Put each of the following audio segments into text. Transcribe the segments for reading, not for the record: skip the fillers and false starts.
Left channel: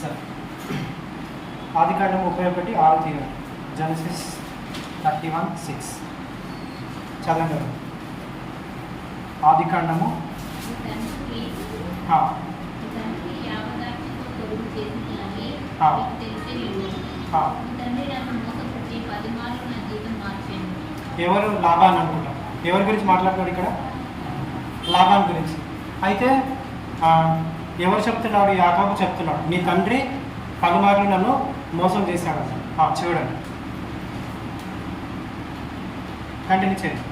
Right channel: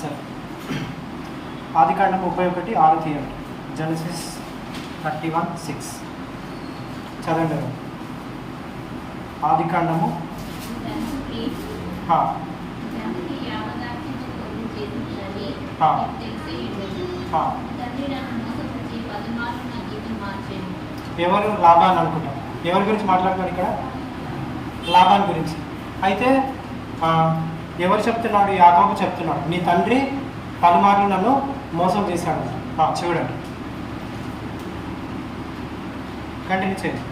సరే, ఆదికాండం 31:6 తీయండి. జెనసిస్ 31:6 చదవండి. ఆదికాండము ఎవరు? లాబాన్ అనుకుంటాం. ఎవరి గురించి మాట్లాడుతున్నాడు ఇక్కడ? లాబాన్ గురించి. అయితే ఎవరు చెప్తున్నాడు? యాకోబు చెప్తున్నాడు, నీ తండ్రి పలుమార్లు నన్ను మోసం చేశాడంట. చూడండి, కంటిన్యూ చేయండి.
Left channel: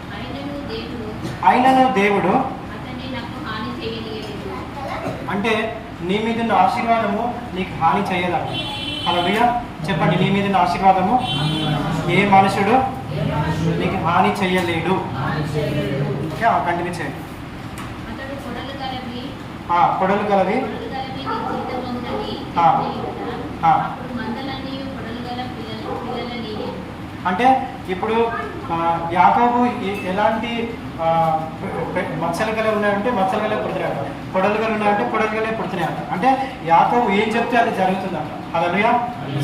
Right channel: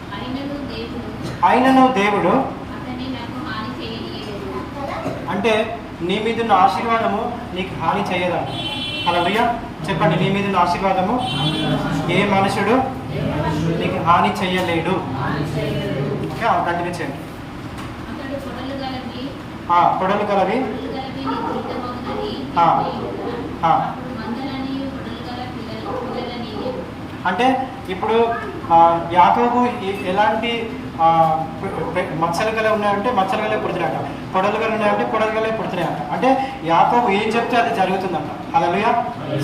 అయినను దేవుడు అంటే నీ మీద ఉన్న ఆశీర్వాదము నీకు హాని చేయదంట. హల్లెలూయా చెప్పండి. నీ మీద ఉన్న ఆశీర్వాదము ఏ మనుషుడు నీకు హాని చెయ్యలేడు. ఓకే, కంటిన్యూ చేయండి. పొడలు గలవి అంటే ఇప్పుడు యాకోబు ఎలాంటి మచ్చలు గల ఉన్నాయంటే మచ్చలు గలే పుడుతున్నాయంట, పొడలు గల ఉన్నాయంటే పొడలు గలే పుడుతున్నాయంట. అంటే యాకోబు ఏం చెప్తే అది జరుగుతుందంట. హల్లెలూయా.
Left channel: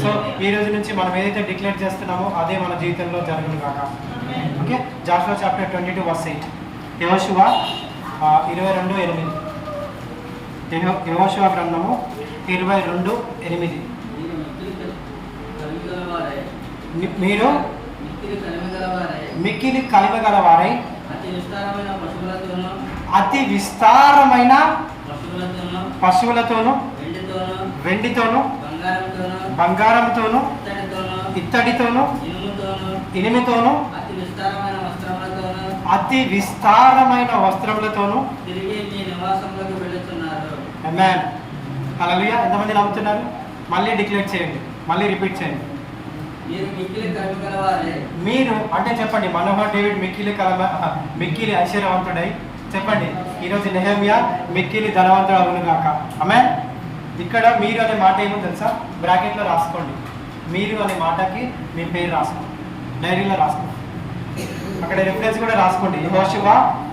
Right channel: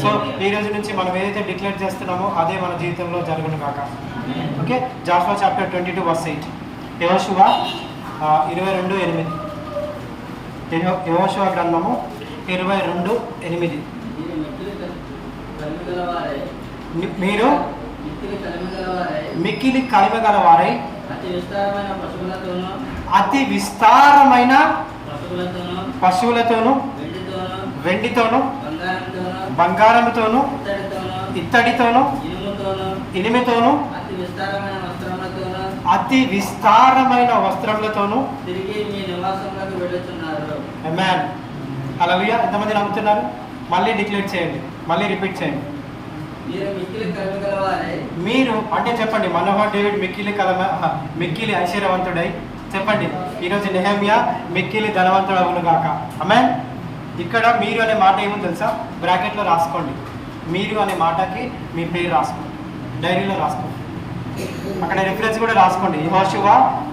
సో ఈ రోజు నుంచి మనం ఏదైతే డిక్లేర్ చేస్తున్నామో అదే మన జీవితంలో జరుగును కాక. Okay, Jashuva chapter 22:8. యెహోషువ 22:8. యెహోషువ గ్రంథము 22:8. మీరు మిక్కిలి కలిమగలవారై అతి విస్తారమైన పశువులతోను వెండితోను బంగారముతోను ఇత్తడితోను ఇనుముతోను అతి విస్తారమైన వస్త్రములతోను ఆమేన్. హల్లెలూయా. ఎంతమంది నమ్ముతున్నారు? మళ్ళీ డిక్లేర్ చేయండి, మళ్ళీ రిపీట్ చేయండి. మీరు అంటే చెప్పండి, మనోహర్ డేవిడ్ మిక్కిలి ఐశ్వర్యవంతుడై చెప్పండి. ఈరోజు నెహెమ్యా మిక్కిలి ధనవంతుడు అవును గాక. ఆమేన్. ఇక్కడ మీరు అనే మాట ఏముంది తెలుసా? బ్రాకెట్లో రాసుకోండి. మీరు అనే మాటకి మీ పేరు రాసుకోండి, డైరీలో రాసుకోండి. అక్కడ రిఫరెన్స్ కూడా రాసుకోండి, యెహోషువ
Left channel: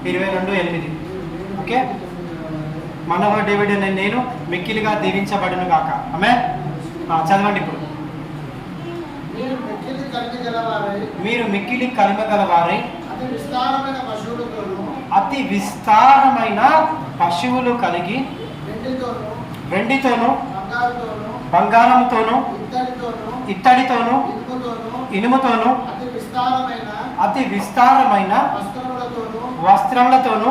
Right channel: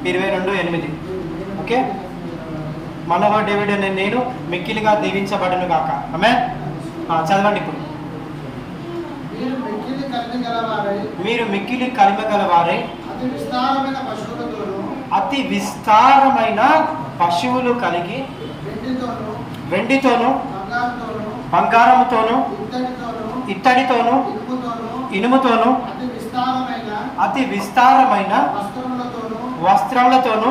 22:8. ఓకే, మనోహర్ డేవిడ్ అనే నేను మిక్కిలిగా దీవించబడును గాక. ఆమేన్. చదవండి ఇప్పుడు. మీరు మిక్కిలి కలిమ గలవారై అతి విస్తారమైన పశువులు కలిగి వెండితోను బంగారముతోను ఇత్తడితోను ఇనుముతోను అతి విస్తారమైన వస్త్రములతోను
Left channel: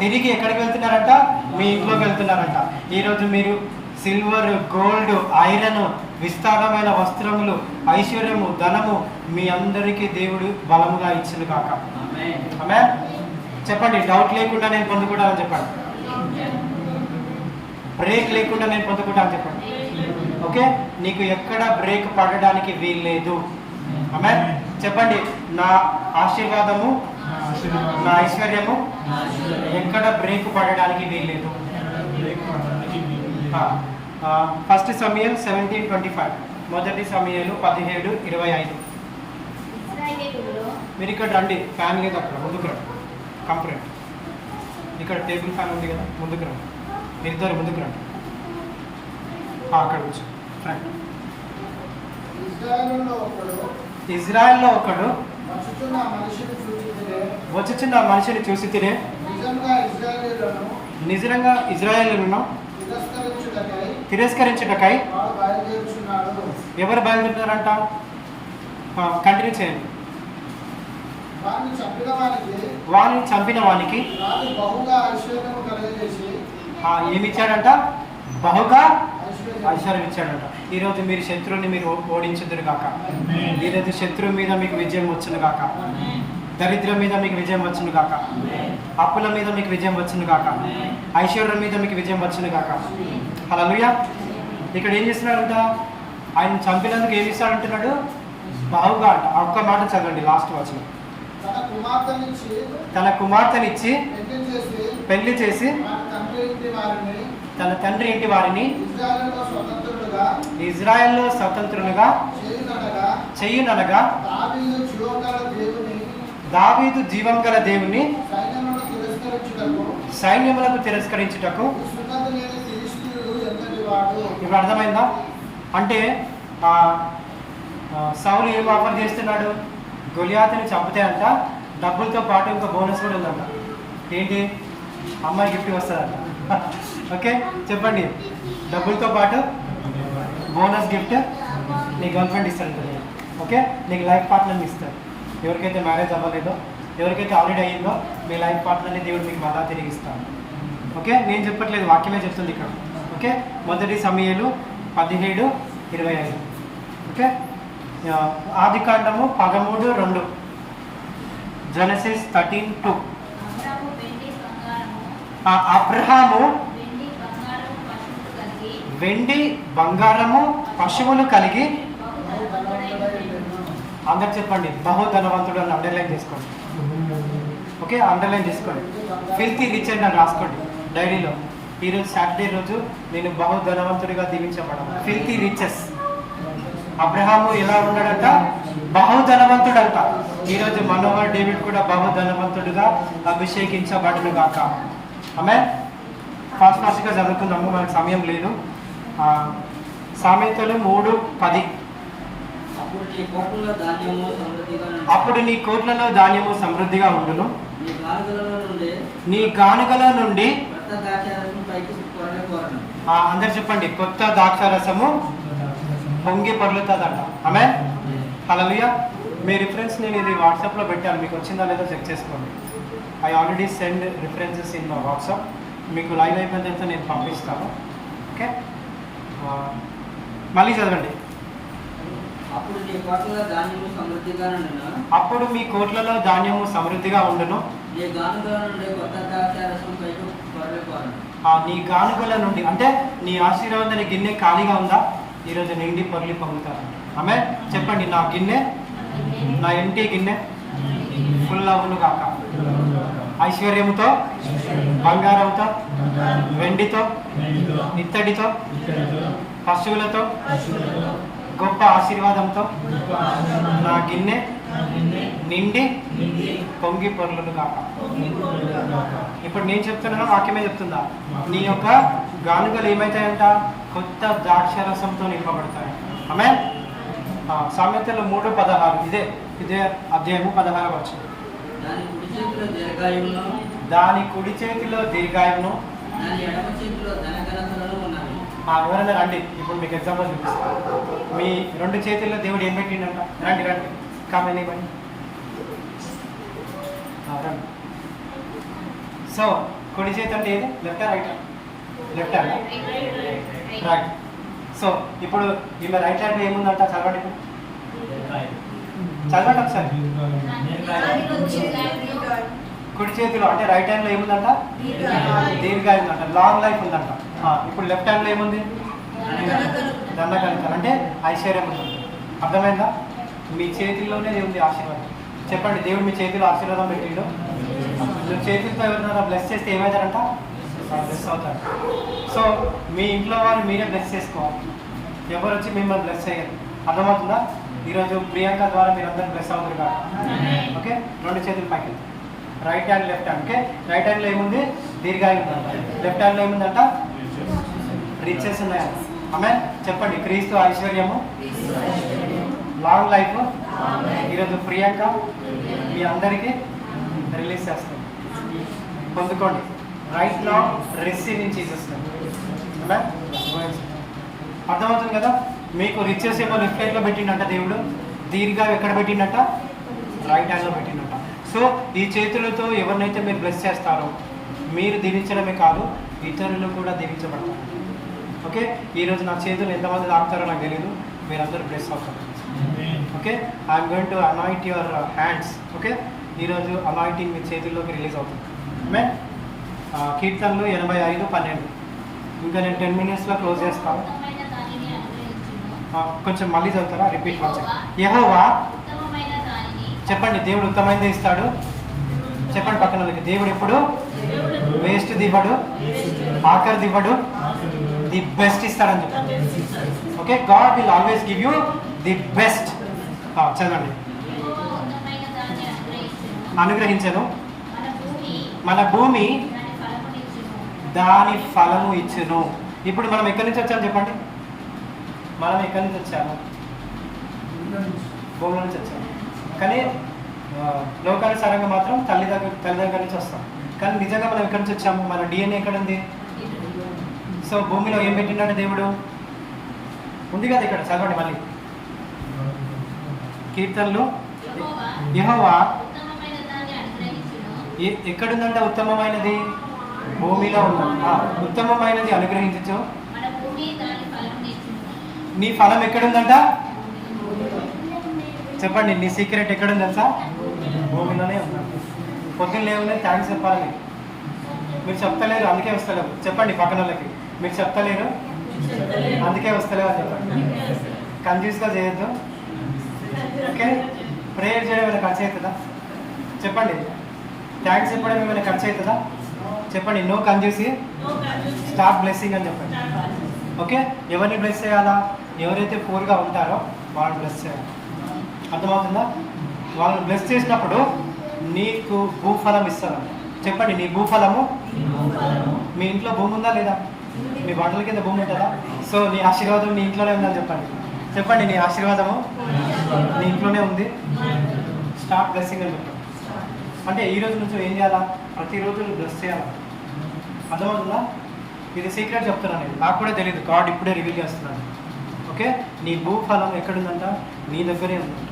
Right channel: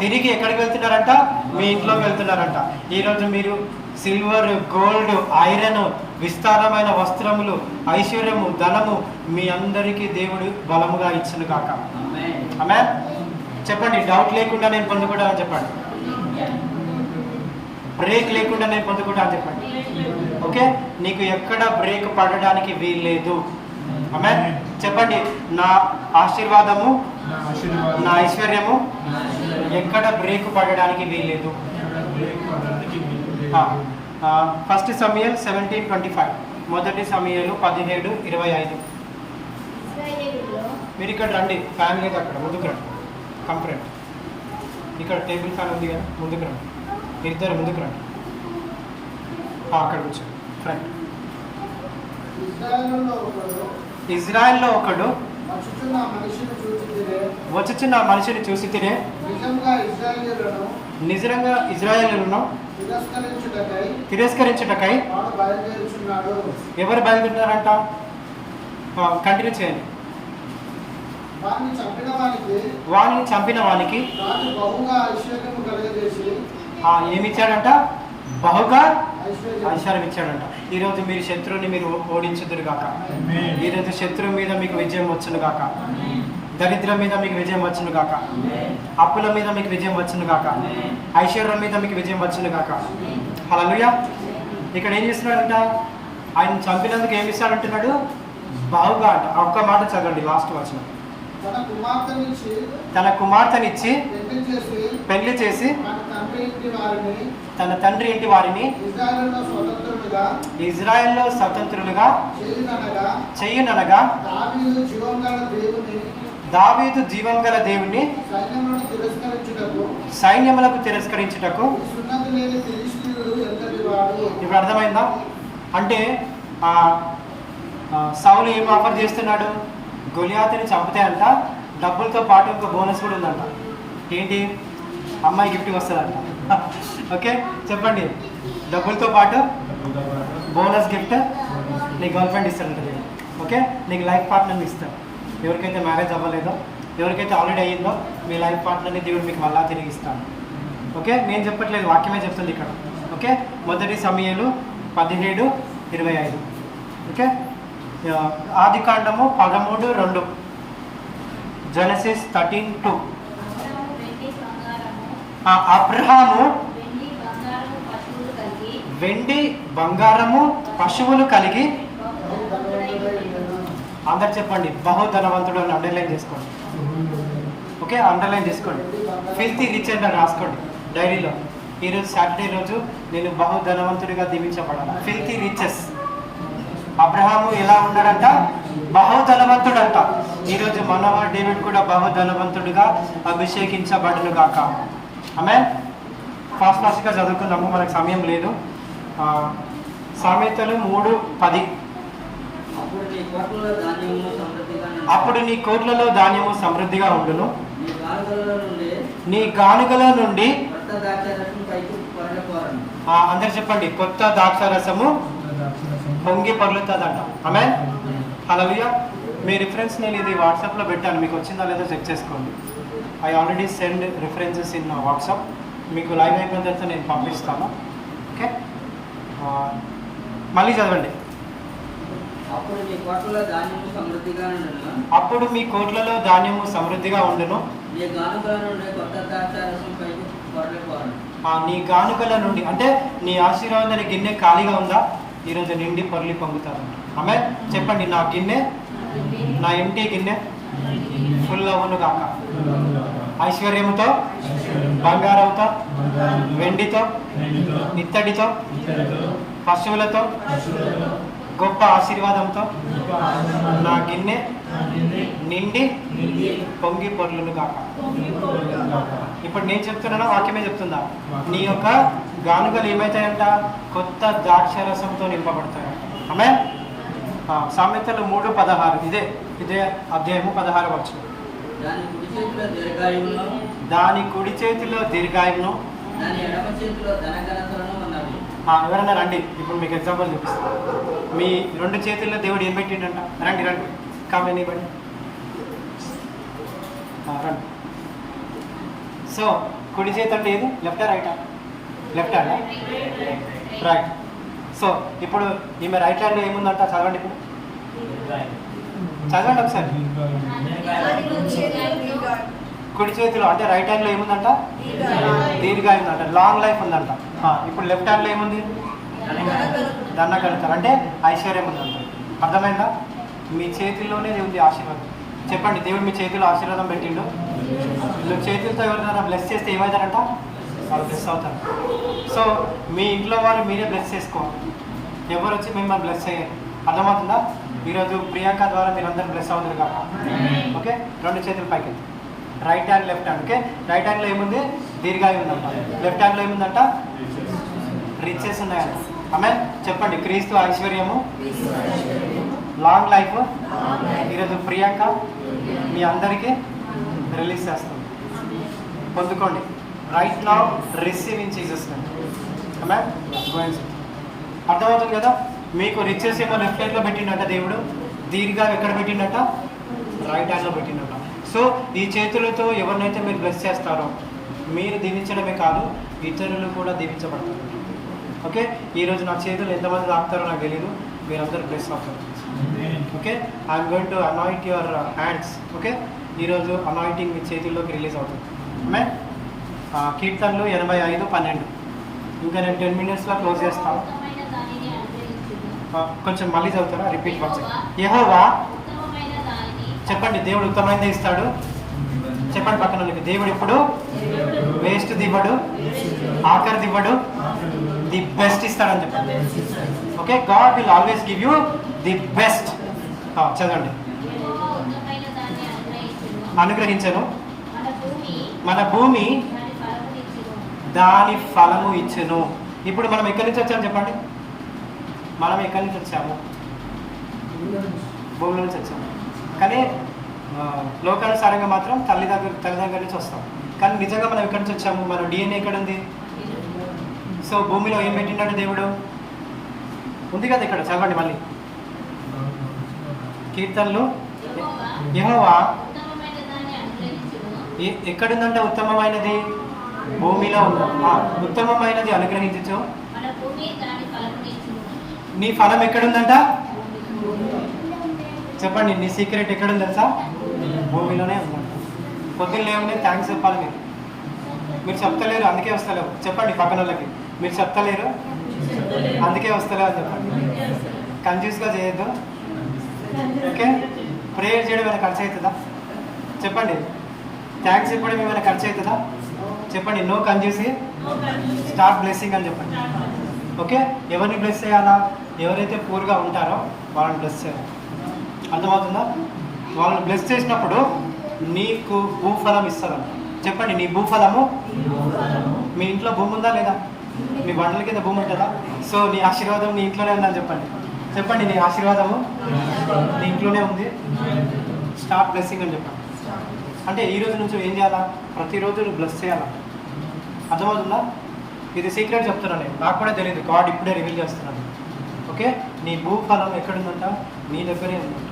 తిరిగి ఎక్కడికి వెళ్తున్నారంట? మీ ఇంట్లోకి వెళ్తున్నారంట. ఈరోజు మీరు సిల్వర్, గోల్డ్, ఐరన్, విస్తారమైన వస్త్రములు, ఐశ్వర్యము, ధనము మీ అందరికీ దేవుడు బలముగా ఇచ్చును కాక. ఆమేన్. చెప్పండి, డౌట్ లేకుండా నేను పొందుకుంటానని చెప్పండి. బ్రేక్ లేకుండా నేను పొందుకుంటానని చెప్పండి. ఓకే, నీకు ఎక్కడ బ్రేక్ పడడానికి వీల్లేదు. ఆమేన్. చెప్పండి, నా ఆశీర్వాదము, నా ఐశ్వర్యము ఎక్కడ బ్రేక్ పడడానికి వీల్లేదు. 1 సమూయేలు 17:25. 1 సమూయేలు 17:25. మీరు ఇక్కడ రండి, ఫ్యాన్ లేదు అక్కడ, ముందుకు రండి. కంఫర్ట్ ఇక్కడ టేబుల్ ఫ్యాన్ ఉంది కదా, ముందుకు రండి. ఇద్దరు ముందుకు రండి. అక్కడ కూర్చోండి ఫ్రంట్. ఇజ్రాయెల్లో ఒకడు వచ్చుచున్న మనిషిని చూసి తినే నిజంగా ఇజ్రాయేలును తిరస్కరించుటకై ఎవరు బయలుదేరుతారంట? కంటిన్యూ చేయండి. వారిని చంపిన వానికి ఏమిచ్చాడంట? బహుగా ఐశ్వర్యం ఇచ్చాడంట. ఈరోజు మీరు శత్రువుని మీరు ఓడించుదురు గాక. ఈరోజు శత్రువు మీద మీకు విజయం వచ్చును గాక. దరిద్రం మీద మీకు విజయం వచ్చును గాక. అప్పుల మీద మీకు విజయం వచ్చును గాక. ఐశ్వర్యం మీద మీకు విజయం వచ్చును గాక. హల్లెలూయా. ఇక్కడ ఏం చేస్తున్నాడంట? ఆయన చంపినందుకు ఏమి ఇస్తాడంటున్నాడు? బావుగా అంట. ఒక్క మాట చదవండి, లాస్ట్ వచనం. తన కుమార్తెనిచ్చి పెళ్లి చేసి తన తండ్రి ఇంటి వారిని ఇజ్రాయెల్లో స్వతంత్రులుగా చెయ్యుననగా దావీదు జీవం గల దేవుని సైన్యములకు తిరస్కరించుటకు ఇప్పుడు అర్థమైందా? అంటే సౌలు ఏం ఆఫర్ చేస్తున్నాడు? గొలియాతుని చంపితే అంట డబ్బులతో పాటు ఇంకో బోనస్ కూడా ఉందంట. ఏంటి? అమ్మాయి గిఫ్ట్ వస్తుందంట. ఓకే, చెప్పండి. డబ్బులతో పాటు బోనస్ గిఫ్ట్ నీ గర్ల్ ఫ్రెండ్ ఇస్తాడంట. ఓకే, నీకు లైఫ్ పార్ట్నర్ని ఇస్తాడు. ఎవరికైతే మ్యారేజ్ అవ్వలేదో, ఎవరికైతే ఆల్రెడీ అయ్యిందో మీ లైఫ్ పార్ట్నర్ని దేవుడు మీకు మళ్ళా తిరిగి ఇస్తాను. ఓకే, నేను చెప్పట్లేదు, వాక్యమే చెప్తుంది ఇక్కడ. ఓకే, మొదటి సమూయేలు 17:25. ఓకే, ఆదికాండము 13:2. జెనసిస్ 13:2. అబ్రహాము వెండి బంగారము పశువులు కలిగి, అందరు చెప్పండి, బహుధనవంతుడు అని అండర్లైన్ చేసుకోండి. ఓకే, అండర్లైన్ చేసుకోండి. ఫిల్తీ రిచ్ అని రాసుకోండి డైరీలో. ఈరోజు సాటర్డే రోజు నేను బహుధనవంతుడిగా దీవించబడాను. Filthy riches. అబ్రహాము ఎలా ఉన్నాడంట? బహుధనవంతుడంట. ఈరోజు మనోహర్ డేవిడ్ కూడా బహుధనవంతుడుగా అభిషేకించబడును గాక. ఆమేన్. ఫాస్ట్గా చదువుకుందాము, మనకు సమయం లేదు. సామెతలు 3:10. అప్పుడు నీ కోట్లలో ధాన్యము సమృద్ధిగా ఉండును, నీ గానుగల నుండి. అందరు చెప్పండి, కొత్త ద్రాక్షారసము పొంగి పొర్లుతుందంట. ఆమేన్. హల్లెలూయా. మీ రిఫరెన్స్ నేను ఇది వాట్సాప్లో పెట్టాను, మీకు వచ్చిందా లేదో చెక్ చేసుకోండి. I already send references in WhatsApp. మీకు లైవ్ అయిపోయిన తర్వాత నేను పంపిస్తాను. ఓకే, మళ్ళీ చదవండి. అప్పుడు మీ కోట్లలో ధాన్యము సమృద్ధిగా ఉండును, నీ గానుగల నుండి. అంటే నీ ఆశీర్వాదాన్ని గిన్నె ఖాళీగా ఉందా? ఈరోజు నిండి పొర్లి పొంగుతారంట. ఆమేన్. చెప్పండి, నా గిన్నె, నా ఇంటి గిన్నె ఫుల్ అవును గాక. ఐశ్వర్యముతో, బంగారంతో, వెండితో, ఇత్తడితో, పశువులతో, గొప్ప ఆశీర్వాదంతో నా గిన్నె నిండి పొంగి పొర్లును గాక. ఇప్పుడు నేను చెప్తున్నానా వాక్యమే చెప్తుందా? నీ యొక్క గానుగలు ఏమవుతాయంట? కొత్త ద్రాక్షరసంతో నింపబడతాయంట. ఆమేన్. సామెతలు 3:16. ఇదే అధ్యాయము 16వ వచనం. దాని కుడి చేతిలో దీర్ఘాయువును, ఎవరైనా రండి, ఇప్పుడు మీకు ఎగ్జాంపుల్ చూపిస్తాను. మీ 2 చేతుల్లో దేవుడు ఏం పెట్టిండంట? రండి కామెంట్ ఇవ్వండి. రండి. సో కుడి చేతి అంటే ఏది? లెఫ్టా రైటా? Left hand, right. సో ఇప్పుడు ఈమె రైట్ హ్యాండ్లో ఏముందంట? చదవండి, ఇప్పుడు చదవండి ఒకసారి. కుడి చేతిలో అంటే రైట్ హ్యాండ్లో ఏముందంట? దీర్ఘాయువు ఉందంట, లాంగ్ లైఫ్ ఉందంట. ఇప్పుడు లెఫ్ట్ హ్యాండ్లో ఏముంది? దండగలుగుతారు, అంటే ఐశ్వర్యం ఉందంట. అర్థమైందా? మీ చేతిలోనే ఉంది ఆశీర్వాదం. చెప్పండి, దేవుడు మీ చేతిలో ఆశీర్వాదం పెట్టిండు. నువ్వు చేతులతో ఎవరినైనా బ్లెస్ చేస్తే ఏమవుతారంట? వాళ్ళు బ్లెస్ అవుతారు. సో మీ ఇంట్లో వాళ్ళు మీరే బ్లెస్ చేసుకోవాలి, ఎవరు వచ్చి మిమ్మల్ని బ్లెస్ అయ్యారు. అర్థమవుతుందా? ఈరోజు ప్రియాంక ద్వారా మీరు అందరూ బ్లెస్ అవుతారు కాక. ఓకే, 2 చేతులు పైకి వెళ్తాయి. Right hand, left hand. Okay, right హ్యాండ్లో ఏముంది? దీర్ఘాయువు ఉందంట. లెఫ్ట్ హ్యాండ్లో ఏముందంట? రిచెస్ ఉన్నాయంట. ఆమేన్. చెప్పండి, క్రీస్తు ఐశ్వర్యము, లాంగ్ లైఫ్. ఈరోజు ప్రియాంక మీ అందరికీ రిలీజ్ చేస్తుంది. పొందుకోండి. Right now receive in Jesus name. Amen. అర్థమవుతుంది కదా? మీకు రిచెస్ ఏమో లెఫ్ట్ హ్యాండ్లో పెట్టిండట దేవుడు, దీర్ఘాయువు ఎక్కడ పెట్టిండట? రైట్ హ్యాండ్లో పెట్టిండట. సో ఈ చేతులతో ఎవరినైతే మీరు బ్లెస్ చేస్తారో మీరు దీవించడమే కాదు, ఇతరులు కూడా దీవించబడతారు. ఓకే, ఈరోజు నా చేతులు ఎంతమంది తాకుతారో నాకు తెలీదు, మీరందరూ బ్లెస్ అవుతారు. Okay, I'm going to anoint your hands. Okay, ఈరోజు అనాయింటింగ్ మీ చేతుల్లోకి రిలీజ్ అవుతుంది. మే కీర్తనలు 85:12. ఇంకా నేను 10 minutesలో క్లోజ్ చేస్తాను. కొంచెం మళ్ళీ చదువుతారా? Repeat once. యెహోవా, చెప్పండి, దేవుడు ఉత్తమైనదే ఇస్తాడు. చెప్పండి పక్కన వాళ్ళకి, దేవుడు ఇప్పుడు వేస్ట్ దివ్వడు, ఆఖరి దివ్వడు, ది బెస్ట్ ఇస్తాడని చెప్పండి. Okay, God will always give you the best. చదవండి. అనుగ్రహించను, మన భూమి దాని ఫలము ఇచ్చును. ఇప్పుడు మనం ఎక్కడి నుంచి వచ్చాము చెప్పండి? మనం ఎక్కడి నుంచి వచ్చాము? భూమిలో నుంచి వచ్చాము. కానీ లోకానుసారంగా మాత్రం తల్లిదండ్రుల నుంచి వస్తాం. కానీ నిజంగా మనం ఎక్కడి నుంచి వచ్చాము? మన డిఎన్ఏ ఎక్కడ ఉంది? సో భూమిలో ఏం పెట్టిండంటే దేవుడు ఉంది కదా ఇక్కడ. చదవండి మళ్ళీ కీర్తనలు. యెహోవా ఎక్కడుందంటే ఉత్తమమైనది భూమిలో ఉంది. ఉత్తమమైనది అనుగ్రహించు. నీ ఫలం ఎక్కడుందంట? చెప్పండి, నీ సీక్రెట్ ఎక్కడుంది తెలుసా? భూమిలోనే ఉందంట. పొద్దున్న లేవనే థ్యాంక్స్ చెప్పాలి. మీరు చెప్తలేరు అందుకే వస్తలేవు. చెప్పండి పక్కన వాళ్ళకి, మీరు చెప్తలేరు అందుకే వస్తలేవు అని చెప్పండి. కన్ఫ్యూజ్గా చేయొద్దు. ఓకే, ప్రేయర్ చేయడం ఏమైనా ఖర్చు అవుతుందా? చెప్పండి. థ్యాంక్స్ చెప్పడం ఏమైనా ఖర్చు అవుతుందా? చెప్పండి. నో కన్ఫ్యూజ్, స్టార్ట్ బ్లెస్సింగ్ అని చెప్పండి. ఓకే, ఎవరిని బ్లెస్ చేయాలా? ఎవరైతే పూర్గా ఉంటారో వాళ్ళని బ్లెస్ చేయాలి. అర్థమవుతుందా? వాళ్ళని బ్లెస్ చేసినప్పుడు నీకు భూఫలం ఇస్తుందంట. చెప్పండి, నీ భూఫలము. మీ ఇంట్లో భూమి ఉందా లేదా? మీ బండల కింద భూమి ఉంటుందా? సో నీ ఆశీర్వాదం నీ ఇంట్లోనే ఉందని చెప్పండి. చెప్పండి, నీ ఆశీర్వాదము నీ ఇంట్లోనే ఉంది. స్టార్ట్ బ్లెస్సింగ్ అని చెప్పండి. అంటే ఈ రోజు నుంచి ఏం చేయాలా? ప్రతిరోజు బ్లెస్ చేయాలా. అర్థమవుతుందా? ఇది సీక్రెట్ చెప్తున్నాను నేను, నాకు కూడా తెలియదు. గాడ్ ఇప్పుడే రివీల్ చేస్తున్నాను. ఓకే, నీ భూఫలం ఎక్కడుందంట? నీ దగ్గరే ఉందంట.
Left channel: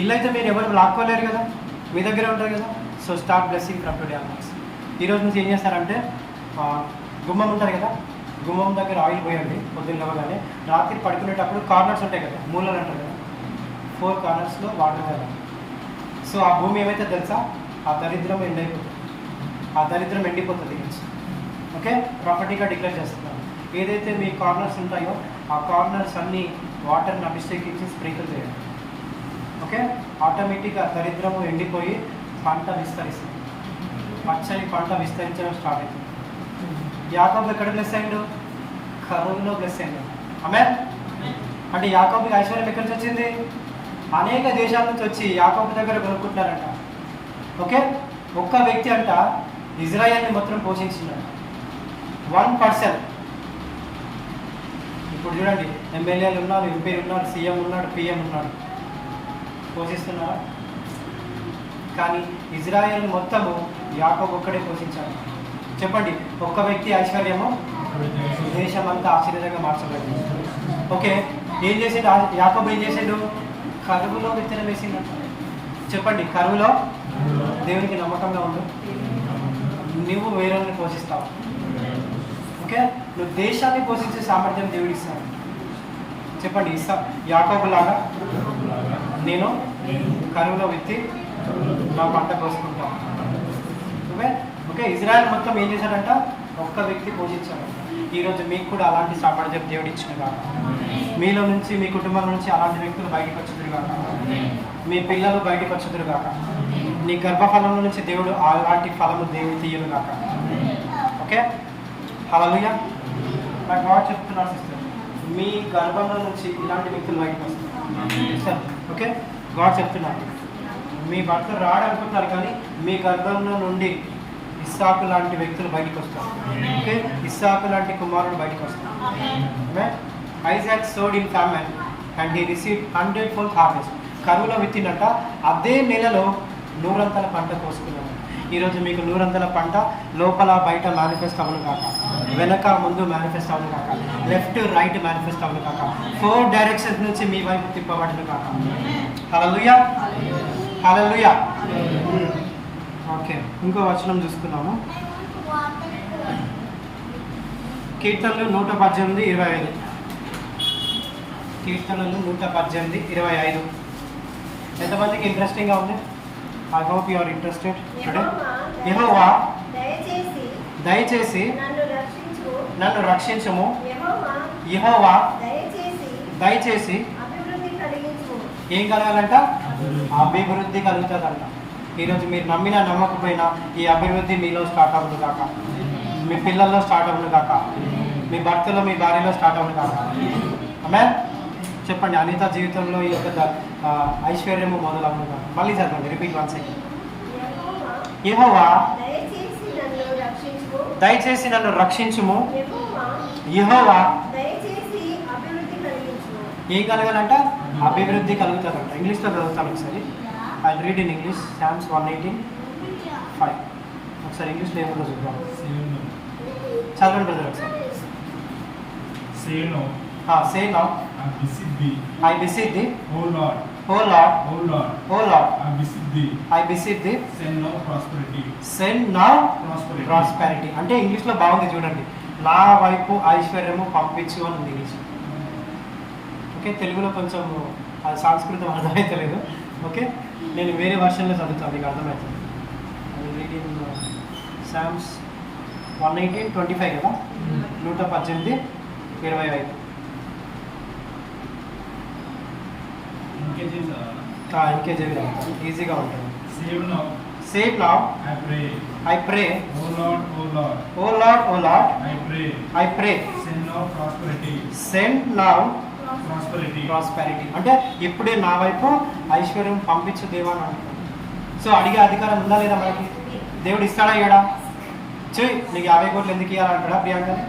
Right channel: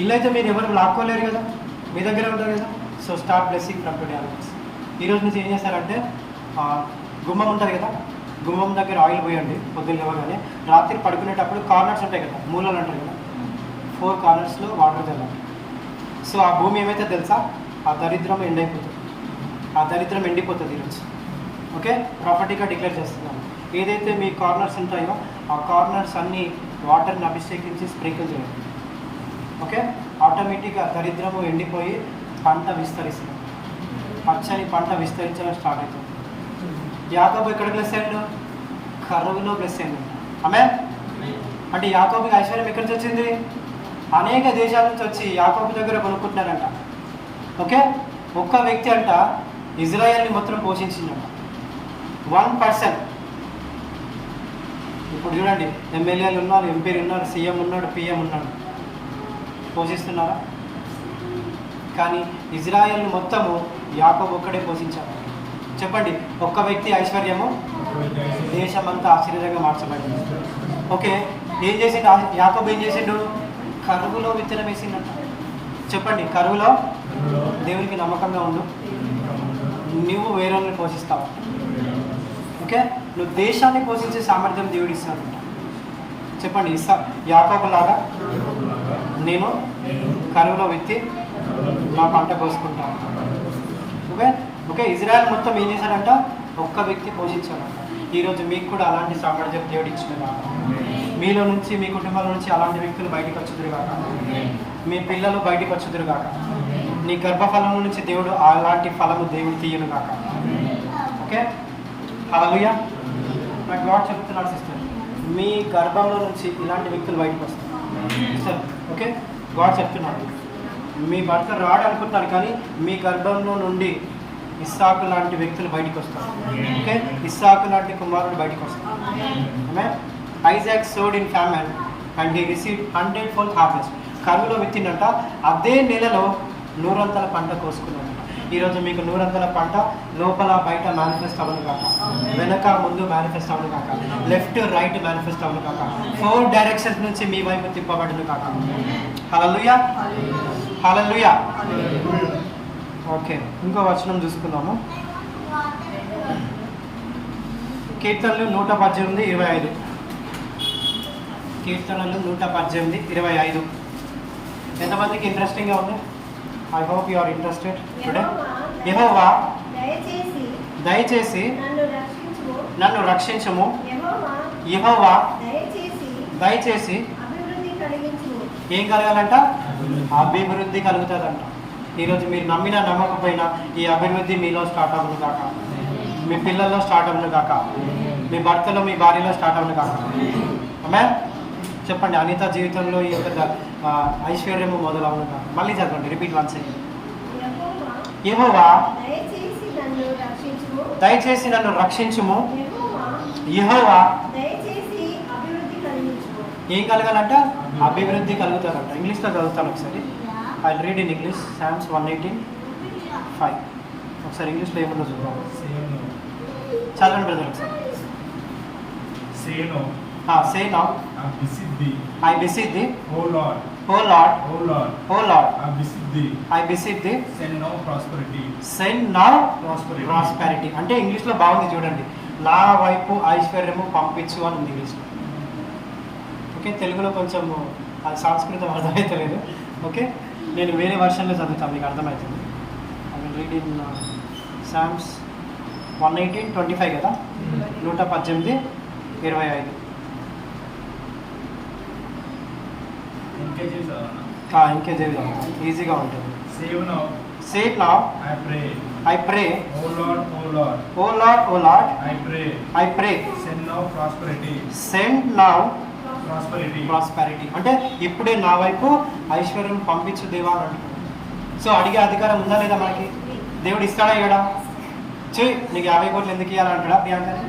ఇల్లు అయితే మీరు ఎవరు లాక్కోలేరు కదా, మీ దగ్గరే ఉంటారు కదా. So start blessing from today onwards. ఈ రోజు నుంచి ఏం చేస్తారంటే గుమ్మం ఉంటుంది కదా, గుమ్మం దగ్గర ఆయిల్ పోయండి. పొద్దున్న లేవగానే రాత్రి పడుకునేటప్పుడు కార్నర్స్ ఉంటాయి కదా, మూలలు అంటారు కదా, 4 కార్నర్స్లో వాటర్ చల్లండి. సో ఆ భూమి ఏమైతే తెలుసా? ఆ దరిద్రం ఎండైపోతుంది. ఆ దరిద్రం ఎండిపోతుంది ఈరోజు. ఓకే, ప్రాపర్టీగా డిక్లేర్ చేస్తున్నాను. ఏదైతే మీ కార్నర్స్ ఉంటాయో ఆ కార్నర్స్ అన్నీ వాటర్ని అభిషేకించి స్ప్రింకిల్ చేయండి. ఓకే, ఆటోమేటిక్గా దరిద్రము ఎండిపోయి పంట విస్తరిస్తుంది. పచ్చని పంట విస్తరించడం స్టార్ట్ అవుతుంది. యాకోబు ఎక్కడ బ్లెస్ అయ్యాడు? కరువులో బ్లెస్ అయ్యింది. ఆమె అంటే యాకోబుకి ఐశ్వర్యం ఎక్కడి నుంచి వచ్చింది? అనేక దేశాల నుంచి వచ్చి యాకోబు దగ్గర కొనుక్కుంటున్నారంట. ఓకే, ఒక్క వ్యక్తి అంట ఇజ్రాయెల్ని మొత్తం పోషించిందంట. 1%. ఇప్పుడు చూడండి, ఎమ్మెల్యేలు ఉన్నారు, ఎంపీలు ఉన్నారు, సీఎం ఉన్నాడు, పిఎం ఉన్నాడు, పోషిస్తున్నారా? కానీ ఇజ్రాయెల్ని మొత్తము యాకోబు ఒక్కడే పోషించాడు. చెప్పండి, ఒక్క వ్యక్తి ఐశ్వర్యము దేశమంతా ఆశ్చర్యంగా మార్చబడింది. ఓకే, ఏం చేసిండు యాకోబు? ఏం చేసిండు? కరువులో విత్తనం వేసిండట. చెప్పండి, కరువులో దేవునికి నమ్మకంగా ఉండు. నువ్వు వేరేని పోషిస్తావు. ఓకే, నువ్వు దేశాన్ని పోషించే సామర్థ్యం దేవుడు ఇస్తాడు. చెప్పండి, ఇస్తా. యాకోబు లాగా నేను కరువులో విత్తి నా పంట కోసుకుంటాను. ఓకే ఓకే, ఇజ్రాయెల్ మొత్తం ఏం చేశాడంట? ఒక్క వ్యక్తి పోషించాడు. ఈరోజు మీకు కూడా అలాంటి సామర్థ్యం దేవుడు ఇచ్చిన కాక, మీలో నుంచి, మీ కుటుంబాల నుంచి అలాంటి వ్యక్తులు బయటకు వచ్చుదురు కాక, మీ పిల్లలు బయటకు వచ్చుదురు కాక, నీ గర్భఫలం నుంచి దేవుడు అలాంటి ఫలము దేవుడు తీయను కాక. ఓకే, హల్లెలూయా. నాకు గాడ్ చెప్తున్నాడు సిస్టర్, మీ గర్భంలో నుంచి ఇలాంటి వ్యక్తులు బయటకు వస్తారు. ఓకే, గాడ్ చెప్తున్నాడు, మీ భర్త రాడు అనుకుంటున్నారు కానీ మీ గర్భంలో నుండి ఇస్సాకు లాంటి వ్యక్తులు బయటకు వస్తారు. ఓకే, ఇస్సాకు లాంటి కుమారుడు బయటకు వస్తారు. Isaac sowed in famine and he received 100-fold harvest. కరువులో విత్తిందంట, అదే నెలలో 100 పంట కోసుకున్నాడంట. ఈరోజు మీకు 100 పంట లోపల బయట మేనిఫెస్ట్ అవ్వను కాక, వెనక ముందు మేనిఫెస్ట్ అవ్వను కాక, లెఫ్ట్ రైట్ మేనిఫెస్ట్ అవ్వను కాక, 4 డైరెక్షన్స్ నుంచి మీ వైపు తిప్పబడును కాక. హల్లెలూయా, హల్లెలూయా. ఓకే, ఇంకో వచనం చూసుకుందాము. కీర్తనలు 118:25. కీర్తనలు 118:25. ఎంతమందికి ఇంట్రెస్టింగ్గా ఉంది? I hope you are interested today. యెహోవా దయచేసి నన్ను రక్షించుము. యెహోవా దయచేసి ఏం కలగాలంట? అభివృద్ధి కలుగుతుందంట. ఈరోజు మీరు నమ్మినా నమ్మకపోయినా ఈ అభివృద్ధి మీలో స్టార్ట్ అవ్వను కాక, మీ పిల్లల్లో స్టార్ట్ అవ్వను కాక, మీ భర్తలో మీ భార్యలో స్టార్ట్ అవ్వను కాక. ఆమేన్. చెప్పండి, అనిత జీవితంలో ఈ యొక్క ఐశ్వర్యము మొదలవును కాక. మళ్ళీ చదవండి, రిపీట్ వన్స్ అగైన్. యెహోవా దయచేసి నన్ను రక్షించుము. యెహోవా ఏం కలగాలంట? అభివృద్ధి కలుగుతుందంట. ఇంగ్లీష్లో చదువుతాను ఒకసారి. I read in English. Psalms 118:5. ఒకసారి ఇంగ్లీష్లో ఏముందో చూద్దాం. చదవండి బ్రదర్ ఒకసారి. Say now. I beseech thee. O Lord. O Lord. O Lord. O Lord. I beseech thee. Send now prosperity. Send now prosperity. అంటే ఇంగ్లీష్లో బాగుంది చూడండి. నా వైపు ఐశ్వర్యము పంపించు అని ఉంది ఇంగ్లీష్లో. ఓకే, తెలుగులో కొంచెం అది సంస్కృతం అర్థమవుతలేదు. ఓకే, నేను వేరే వర్షన్లో చదువుతాను, మీకు అర్థమవుతుంది. I will read in Psalms 118:25 కదా, 118:25. ఇంకేజీలో ఈజీగా ఉంటుంది. Save now. I pray. O Lord, O Lord. O Lord, O Lord. I pray. Send now prosperity. Send now prosperity. అంటే ఇప్పుడే నా వైపు ఐశ్వర్యం పంపించు దేవా అని అంటున్నాడు. సో అడిగే అధికారం ఉందా లేదా మనకి? దేవుడు ఇస్తాడా ఇవ్వడా? చెయ్యి, నీకు 50 కోట్లు ఎందుకు ఇవ్వాలంటాడా ప్రియాంకని?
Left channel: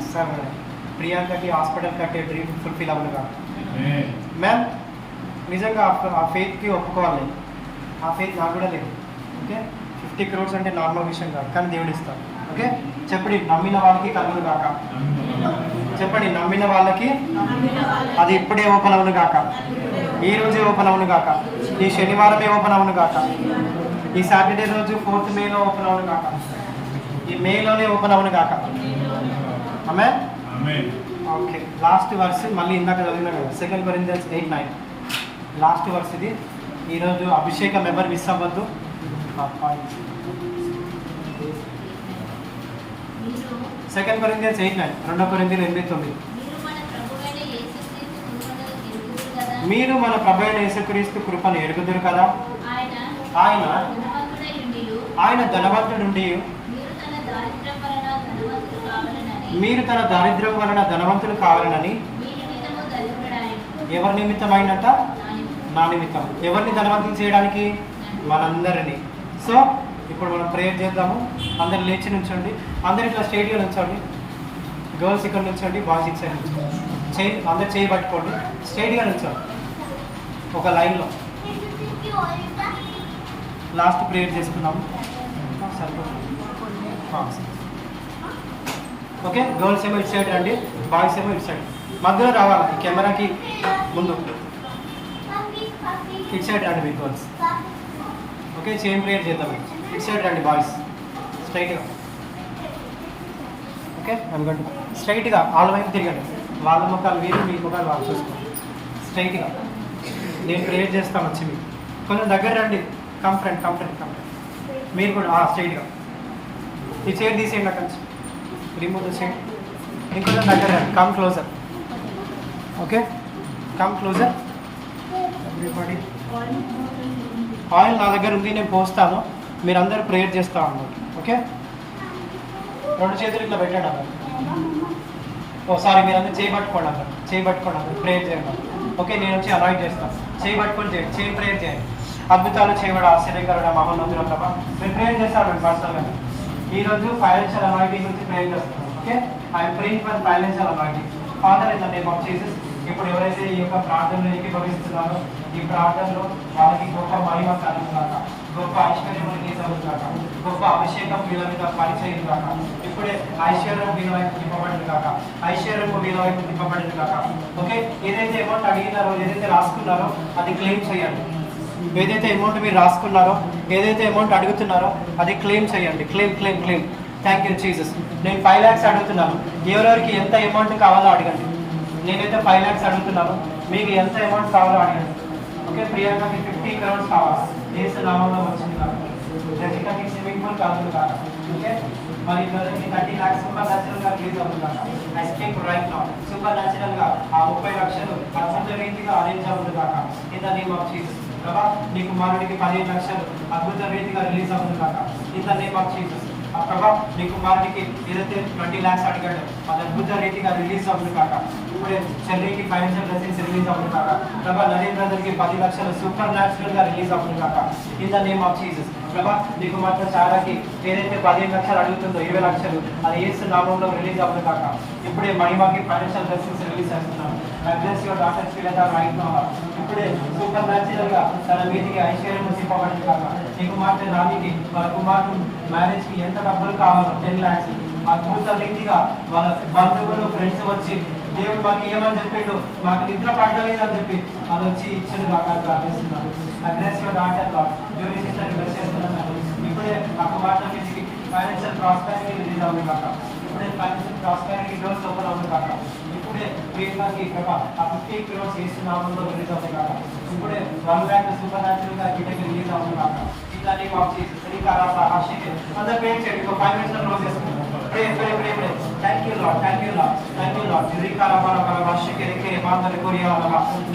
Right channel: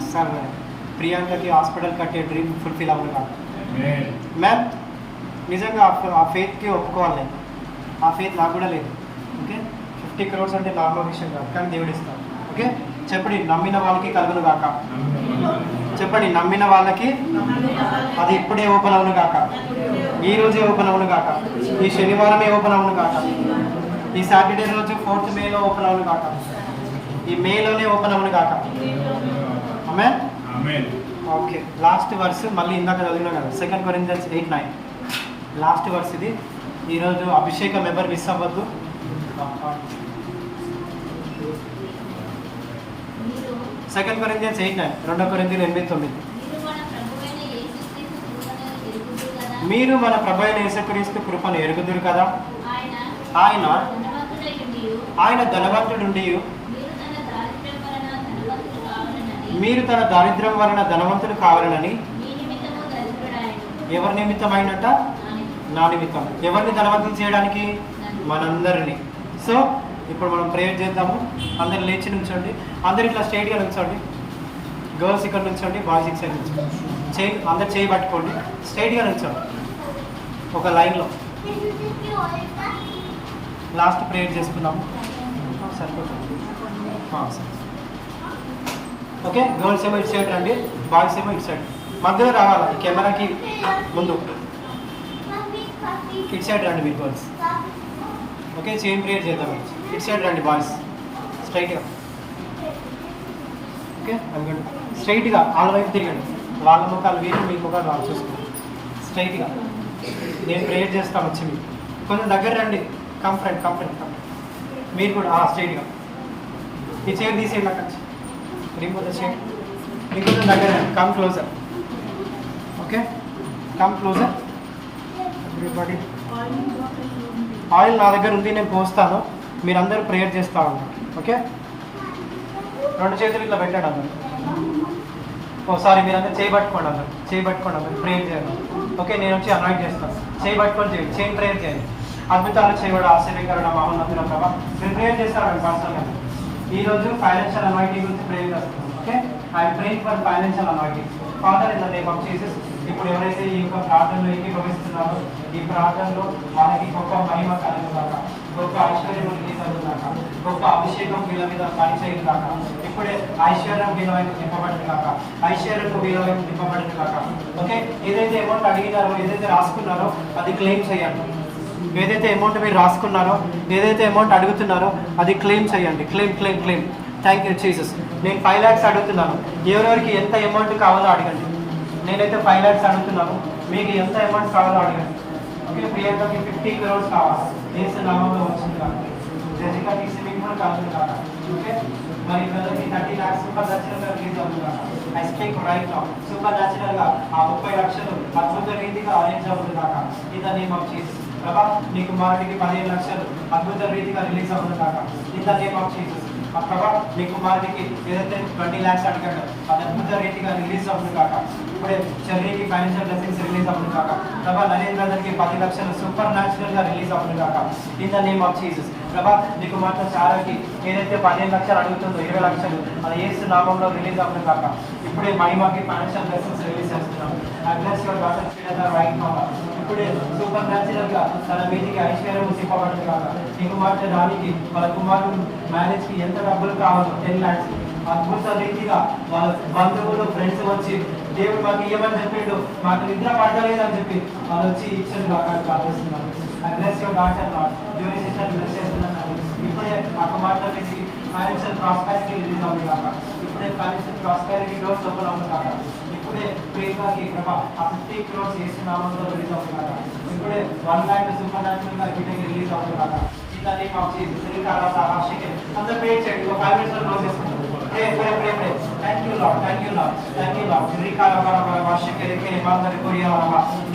అస్సలు ప్రియాంకకి హాస్పిటల్ కట్టే డ్రీమ్ ఫుల్ఫిల్ అవ్వను కాదు. మ్యామ్ నిజంగా ఆ ఫెయిత్కి ఒప్పుకోవాలి. ఆ ఫెయిత్ నాకు కూడా లేదు. ఓకే, 50 crores అంటే నార్మల్ విషయం కాదు, కానీ దేవుడు ఇస్తాడు. ఓకే, చెప్పండి, నమ్మిన వాళ్ళకి కలుగును కాక. చెప్పండి, నమ్మిన వాళ్ళకి అది ఇప్పుడే ఓపెన్ అవును కాక, ఈ రోజే ఓపెన్ అవును కాక, ఈ శనివారమే ఓపెన్ అవును కాక, ఈ సాటర్డే రోజు 4th మేలో ఓపెన్ అవును కాక, ఈ మేలోనే ఓపెన్ అవును కాక. ఆమేన్. ఓకే, లాస్ట్ వర్స్ మళ్ళీ ఇందాక చదివినా కదా, 2 Corinthians 8:9 లాస్ట్ వర్స్ ఇది. ఈరోజు అభిషేకం ఎవరు మిస్ అవ్వద్దు. 2 Corinthians 8:9, 2 Corinthians 8:9. మీరు మన ప్రభు అయిన యేసుక్రీస్తు కృపను ఎరుగుదురు కదా, ఆయన ధనవంతుడుండి మీరు తన దారిద్ర్యం వలన ధనవంతులు కావాలనని. ఎవరి నిమిత్తం అయినట్ట? నా నిమిత్తం. ఎవరిని ధనవంతులు చేయడానికి? మనందరినీ. సో ఇప్పుడు మనం ప్రేయర్ చేద్దాము. అందరు లేచి నుంచోండి, అందరు ఇట్లా స్ట్రైట్గా నుంచోండి. గర్ల్స్ ఇక్కడ నుంచోండి, బాయ్స్ ఇటు సైడ్ నుంచోండి. అందరు చేయి పట్టుకోండి, స్ట్రైట్గా నుంచోండి ఒక లైన్లో. లాస్ట్ ప్రేయర్ చేసుకుందాము, సరిపోతుంది. ఓకే, గర్ల్స్ ఏమో ఇటు సైడ్ రండి, బాయ్స్ ఏమో ఇటు సైడ్. మధ్యలో రావాలా, ఈ కెమెరాకి ముందు ఇటు సైడ్ రండి మీరు గర్ల్స్. ఓకే, చైన్ ప్రేయర్ చేద్దాం. ఇటు సైడ్ రండి బాయ్స్, స్ట్రైట్గా. ఓకే, అనుకోండి స్ట్రైట్గా వాళ్ళ వైపు తిరగండి. వాళ్ళ ముఖాలు వీరు, మీ ముఖాలు వాళ్ళు చూసుకోండి. స్ట్రైట్గా నేను ప్రేయర్ చేస్తాను. వచ్చి మీరు కొంచెం దగ్గర రండి. Come friend. మీరు కూడా స్ట్రైట్గా ఈ చైర్ తీసేయండి అక్కడి నుంచి. Remove the chair. ఇంకొంచెం దగ్గర రండి. Come closer. Okay, come closer everybody. Oil నా దగ్గర ఉంది, నేను పోస్తాను. మీరందరూ ప్రేయర్ చేస్తూ ఉన్నారు. ఓకే, 2 చేతులు ఇట్లా పెట్టండి అన్నారు. సారీ, మీరందరూ చేయబట్టుకోండి అన్నారు. చేయబట్టుకోండి అన్నారు, ప్రేయర్ చేయండి. ఓకే, నేను వచ్చి అనాయిట్ చేస్తాను. చేయబట్టుకొని చేయండి, చైన్ ప్రేయర్ చేయండి. అద్భుతాలు చేయబడు ఆశ్చర్యకరుడు మహోన్నతుల ప్రభా. నేను ప్రేయర్ చేస్తాను పర్సనల్గా. ఈరోజు ఫైనాన్షియల్ అనాయిటింగ్ గురించి ప్రేయర్ చేస్తున్నాను. Okay, I'm praying for financial అనాయిటింగ్. Father in the name of Jesus, ఇప్పుడు ఎవరైతే ఈ యొక్క ప్రార్థనలో ఏకీభవిస్తున్నారో ఈ ప్రార్థనలో వాళ్ళకి గొప్ప మహిమ కలుగుగాక, గొప్ప ఐశ్వర్యం గీతలుగాక, గొప్ప అభిషేకం వీళ్ళ మీద పరిచయం కాక, ఇప్పుడే ఐశ్వర్యం వీళ్ళ వైపు తిప్పబడింది కాక, ఐశ్వర్యం వీళ్ళ వైపు తిప్పబడింది కాక. ఓకే, ఏదైతే అమౌంట్ అడిగినారో, ఏదైతే రాసుకున్నారో అది క్లెయిమ్ చేయండి. ఏదైతే అమౌంట్ మీరు రాసుకున్నారో, ఏదైతే అమౌంట్ అడుగుతున్నారో అది క్లెయిమ్ చేయండి. క్లెయిమ్. Thank you Jesus. నేను 5 lakhs అడుగుతున్నాను. ఎవరెవరికి ఎంత అమౌంట్ కావాలో అడగండి. నేనైతే 5 lakhs అడుగుతున్నాను, మీకు ఎంత అమౌంట్ కావాలో అడగండి. ఓకే, ప్రియాంకకి 50 crores కావాలి. దేశ నామంలో వచ్చింది కాదు, జజికకి స్విమ్మింగ్ పూల్ కావాలి కాక. ఓకే, మరి బ్రదర్కి 30 lakhs సూపర్ న్యాచురల్గా రిలీజ్ అవుతుంది కాక. I speak right now, super న్యాచురల్గా ఆ 30 లక్షలు అద్భుత రీతిగా అరేంజ్ అవుతుంది కాక. In the name of Jesus. ప్రభా, నీ కుమారుడికి 15 లక్షలు అద్భుత రీతిగా రిలీజ్ అవుతుంది కాక. In the name of Jesus. ప్రభా, నీ కుమారుడికి ఏదైతే 20 lakhs అడిగాడు అది అద్భుత రీతిగా రిలీజ్ అవుతుంది కాక. ఇప్పుడే చెర్రీకి ఫైనాన్షియల్ బ్లెస్సింగ్స్ రిలీజ్ అవుతుంది కాక. ప్రభా, నరేంద్రకి 10 లక్షలు సూపర్ న్యాచురల్ గా రిలీజ్ అవుతుంది కాక. In the name of Jesus. ప్రభా నీ కుమార్తె చారాకి ఏదైతే 15 లక్షలు అడుగుతుందో 20 లక్షలు అది యేసు నామంలో రిలీజ్ అవ్వదు కాక. ఇప్పుడే మహిమకి ఫైనాన్షియల్ బ్లెస్సింగ్స్ రిలీజ్ చేస్తున్నాం. I bless your daughter Srilatha right now. ఇప్పుడే సూపర్ న్యాచురల్ గా తన మీదికి ఐశ్వర్యం తిప్పబడింది కాక. నీ కుమార్తె దానికి వాళ్ళ కుమారుడు మ్యారేజ్ కి ఎంత డబ్బులు కావాలో 10 lakhs అద్భుత రీతిగా వాళ్ళ బంధువులు ఫ్రెండ్స్ వచ్చి దేవుడు మాకు ఇవ్వమని చెప్పిండు, మాకు నిద్ర పడలేదు అని చెప్పి అది వచ్చి ఇచ్చిన కాక ప్రార్థిస్తున్నాను. Aggressive doctor jury sister bless చేస్తున్నాను. ఇప్పుడే మా కుమార్తె మీదకి ఫైనాన్షియల్ ప్రాస్పెరిటీ రిలీజ్ అవుతుంది కాక. ఇప్పుడే ఫైనాన్షియల్ ప్రాస్పెరిటీ డోర్స్ ఓపెన్ అవుతుంది కాక. ఇప్పుడే ప్రియకాకి ప్రభా ఆ 50 crores యేసు నామంలో రిలీజ్ అవుతుంది కాక. ఇప్పుడే 1 lakh సూపర్ న్యాచురల్ గా వీటికి రిలీజ్ అవుతుంది కాక. ఇంకా నీకు వచ్చేసి శ్రీకారాస హర్షికి అందరు పే చేయండి. 5 minutes లో క్లోజ్ చేసుకుంటాం. Pray. Thank you Lord.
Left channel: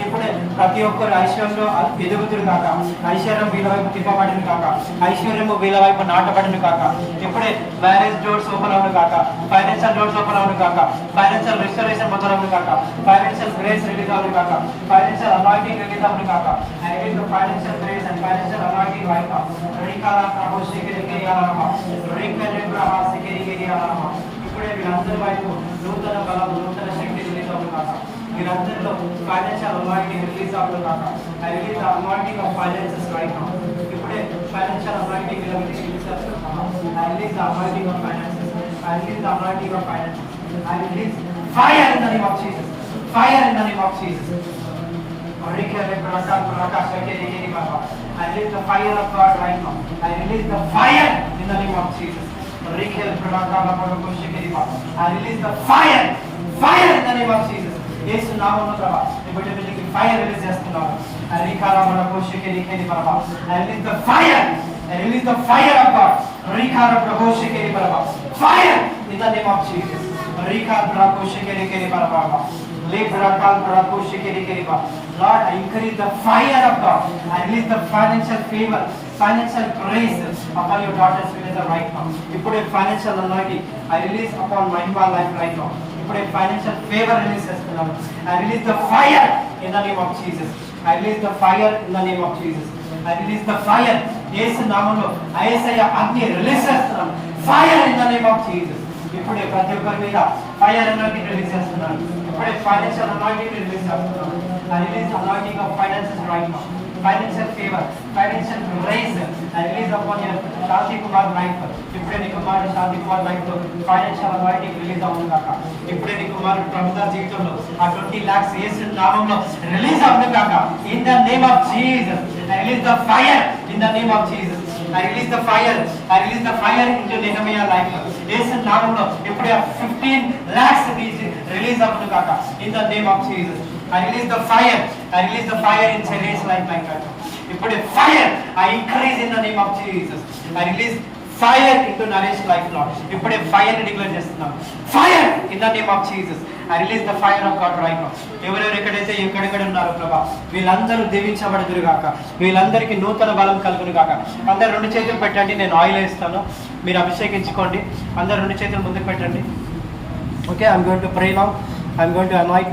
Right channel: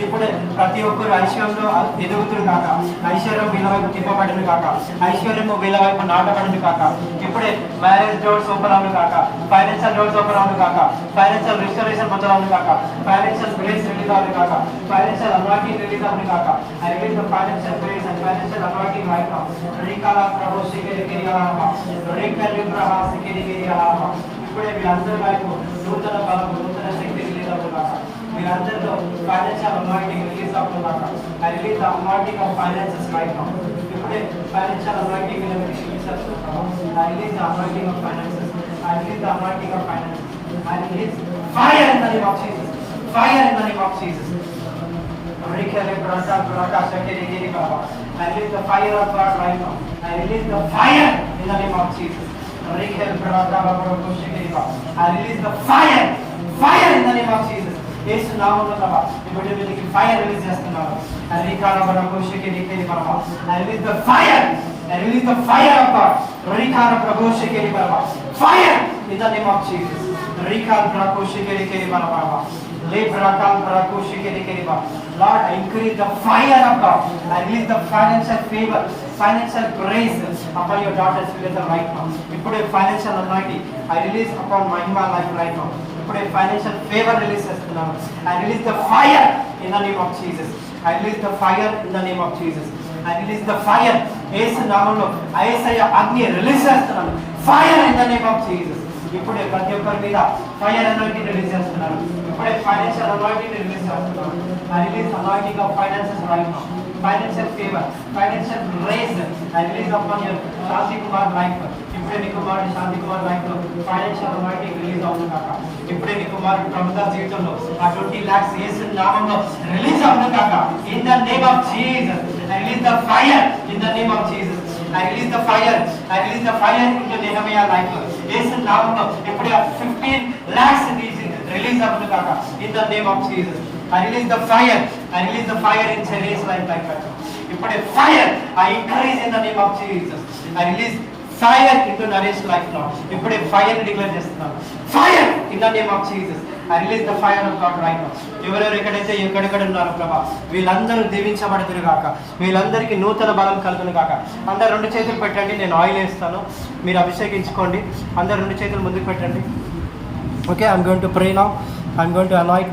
ఇప్పుడే ప్రతి ఒక్కరు ఐశ్వర్యంలో ఎదుగుతురు కాక. ఐశ్వర్యం వీళ్ళ వైపు తిప్పబడిన కాక. ఐశ్వర్యము వీళ్ళ వైపు నాటబడిన కాక. ఇప్పుడే మ్యారేజ్ డోర్స్ ఓపెన్ అవును కాక. ఫైనాన్షియల్ డోర్స్ ఓపెన్ అవును కాక. ఫైనాన్షియల్ రిస్టరేషన్ మొదలవును కాక. ఫైనాన్షియల్ గ్రేస్ రిలీజ్ అవును కాక. ఫైనాన్షియల్ అనాయింటింగ్ రిలీజ్ అవును కాక. I release the financial grace and financial anointing right now. Rikala Prabhu Shikiri Alama. Rikali Praha Shikiri Alama. ఇప్పుడే వీళ్ళందరి వైపు నూతన బలం నూతన శక్తి రిలీజ్ అవును కాక. వీళ్ళందరిలో ఫైనాన్షియల్ అనాయింటింగ్ రిలీజ్ అవును కాక. I release the anointing of finances right now. ఇప్పుడే ఫైనాన్షియల్ అనాయింటింగ్ వీళ్ళకి రిలీజ్ అవుతున్నాము. I release the anointing of finances. I release the anointing of finances. I release fire in the name of Jesus. Fire in the name of Jesus. I release the fire of God right now. I release the fire in the name of Jesus. I release the fire in the name of Jesus. యేసు నామములో ప్రభా ఇప్పుడు వీళ్ళకి fire release చేస్తున్నాము. I release the fire. I release the fire of God. Fire in the name of Jesus. Lord, I increase the fire of God. I release the financial favor, financial grace upon your daughter's Shrilata right now. Ipude financial anointing I release upon Mahima life right now. Ipude financial favor release chestunnamu. I release the fire in the name of Jesus. I release the fire in the name of Jesus. I release the fire. Yesu నామములో యేసయ్య అగ్ని release చేస్తున్నాను. Fire in the name of Jesus. ఇప్పుడే ప్రతి ఒక్కరి మీద fire anointing release చేస్తున్నాను. ఇప్పుడే financial anointing release చేస్తున్నాను. I release anointing of finances right now. Financial favor, financial grace. I release upon your Shanti Kumar life. ఇప్పుడే నీ కుమారుడు శాంతి కుమార్ లైఫ్ లో ఫైనాన్షియల్ అనాయింటింగ్ రిలీజ్ అవుతుంది కాక. ఇప్పుడే నీ కుమారుడు ప్రభుత్వ జీవితంలో ఆ 20 lakhs యేసు నామములో రిలీజ్ అవుతుంది కాక. In the name of Jesus. I release the fire in the name of Jesus. I release the fire. I release the fire into Nehemiah life. యేసు నామములో ఇప్పుడే 15 lakhs రిలీజ్ అవుతుంది కాక. In the name of Jesus. I release the fire. I release the fire in Cherry's life like that. ఇప్పుడే fire. I increase in the name of Jesus. I release fire into Naresh life Lord. ఇప్పుడే fire ని declare చేస్తున్నాను. Fire in the name of Jesus. I release the fire of God right now. ఎవరెవరు ఎక్కడైతే ఎక్కడెక్కడ ఉన్నారో ప్రభా వీళ్ళందరూ దీవించబడుదురు గాక. వీళ్ళందరికీ నూతన బలం కలుగును గాక. అందరు 2 చేతులు పెట్టండి. నేను ఆయిల్ వేస్తాను, మీరు అభిషేకించుకోండి. అందరు 2 చేతులు ముందుకు పెట్టండి. Okay, I'm going to pray now. I'm going to anoint